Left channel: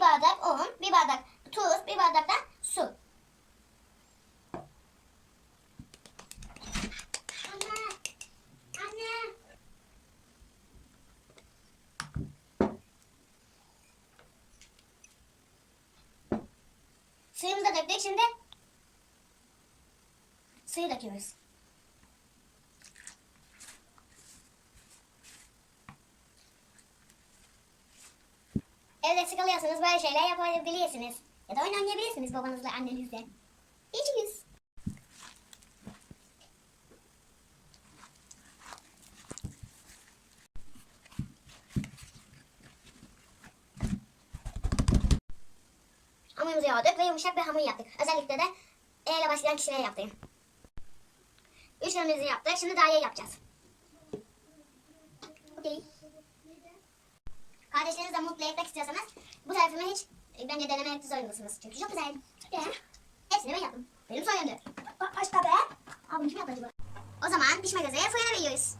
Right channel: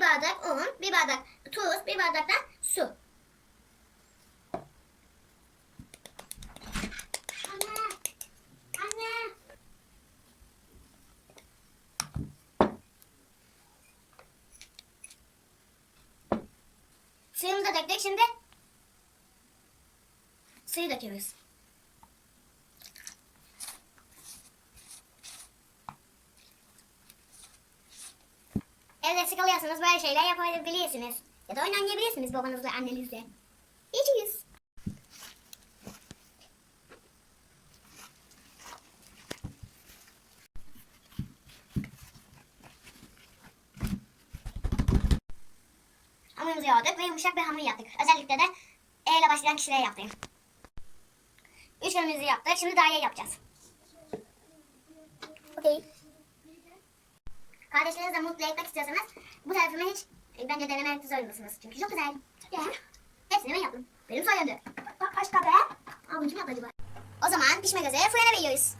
bardak tuz, bir bardak da su. Anne! Anne! Suyumuzu da döktük şimdi. Suyu döküyoruz. Sıkılıyorsanız böyle şeyler yapabilirsiniz. Ya da oyun oynayabilirsiniz babanızla annenizle. İçiniz. Hamurumuzu yoğurduk ve yumuşak bir hamur yaptık. Özellikle de E ile başlayan kişilere yaptım. Üçgenimizi yaptık. Şimdi daire yapacağız. Okey. Kardeşlerinizle mutlu etmek istiyorsanız bu tarafımı hiç e, bence denemek zorundasınız. Çünkü çok güzel. Güzel. Hepsini ben yaptım. Benim sayemde. Bak başka be. Bunu kim yaptı acaba? O zaman pişmek üzere fırına veriyoruz.